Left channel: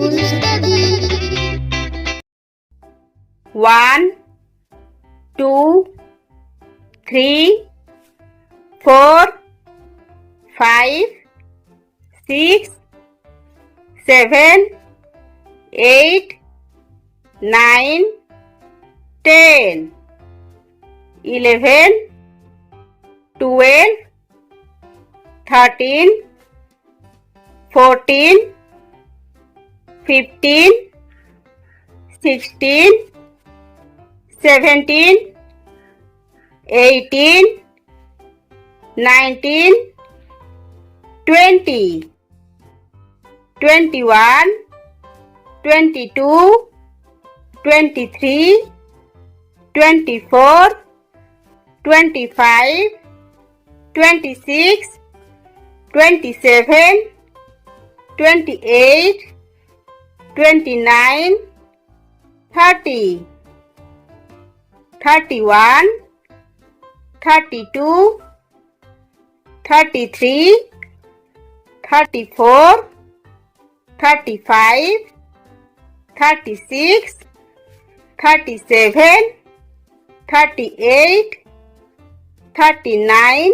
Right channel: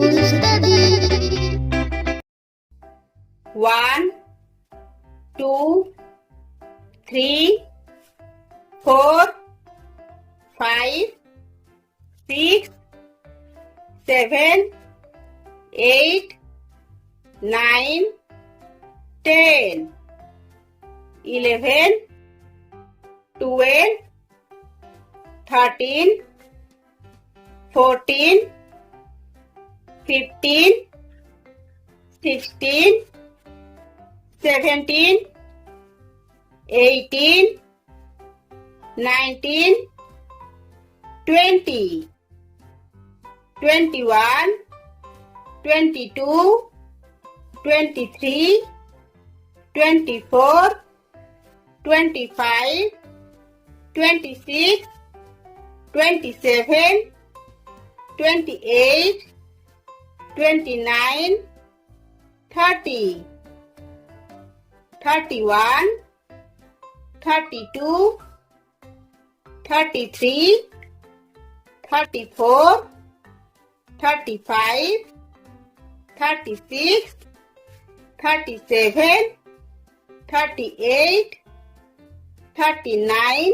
to study. 1, 2, 3, 4, 5, 6, 7, 8, 9, 10, 11, 12, 13, 14, 15, 16, 17, 18, 19, 20, 21, 22, 23, 24, 25, 26, 27, 28, 29, 30, 31, 32, 33, 34, 35, 36, 37, 38, 39,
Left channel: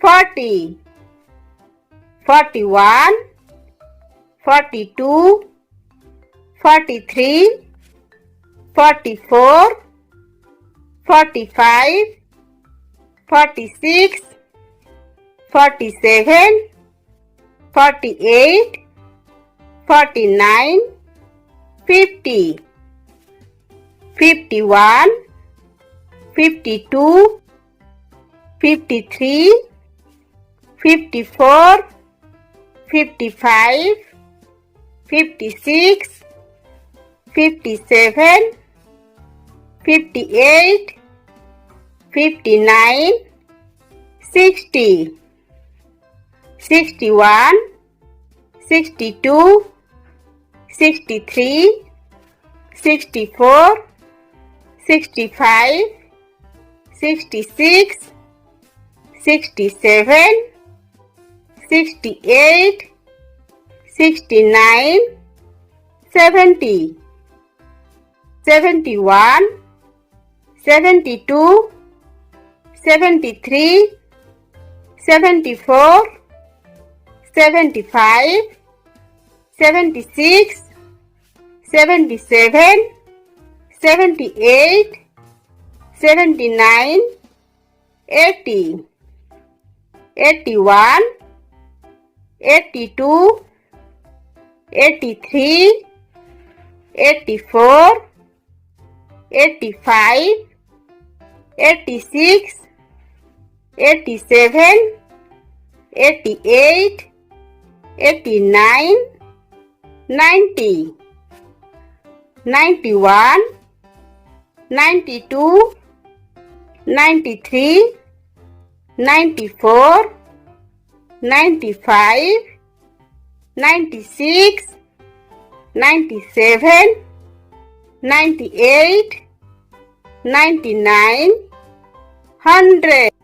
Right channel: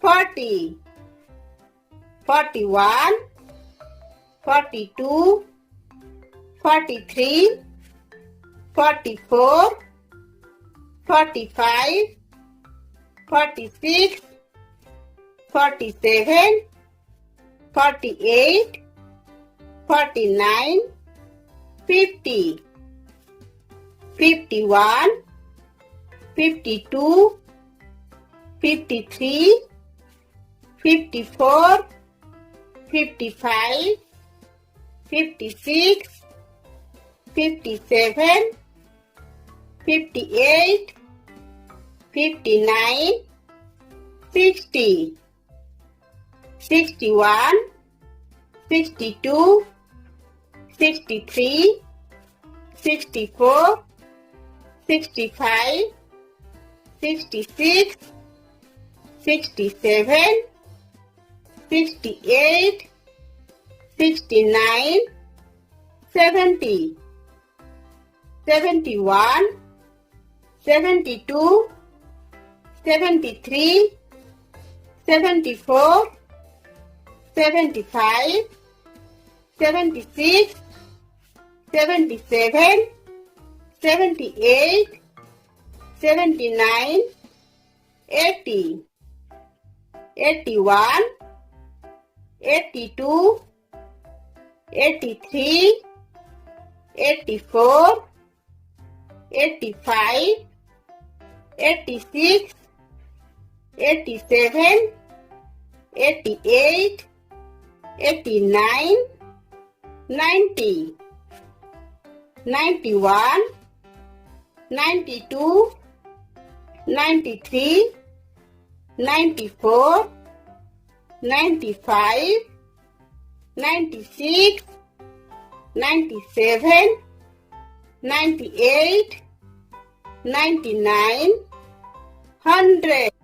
40, 41, 42, 43, 44, 45, 46, 47, 48, 49, 50, 51, 52, 53, 54, 55, 56, 57, 58, 59, 60, 61, 62, 63, 64, 65, 66, 67, 68, 69, 70, 71, 72, 73, 74, 75, 76, 77, 78, 79, 80, 81, 82, 83, 84, 85, 86, 87, 88, 89, 90, 91, 92, 93, 94, 95, 96, 97, 98, 99, 100.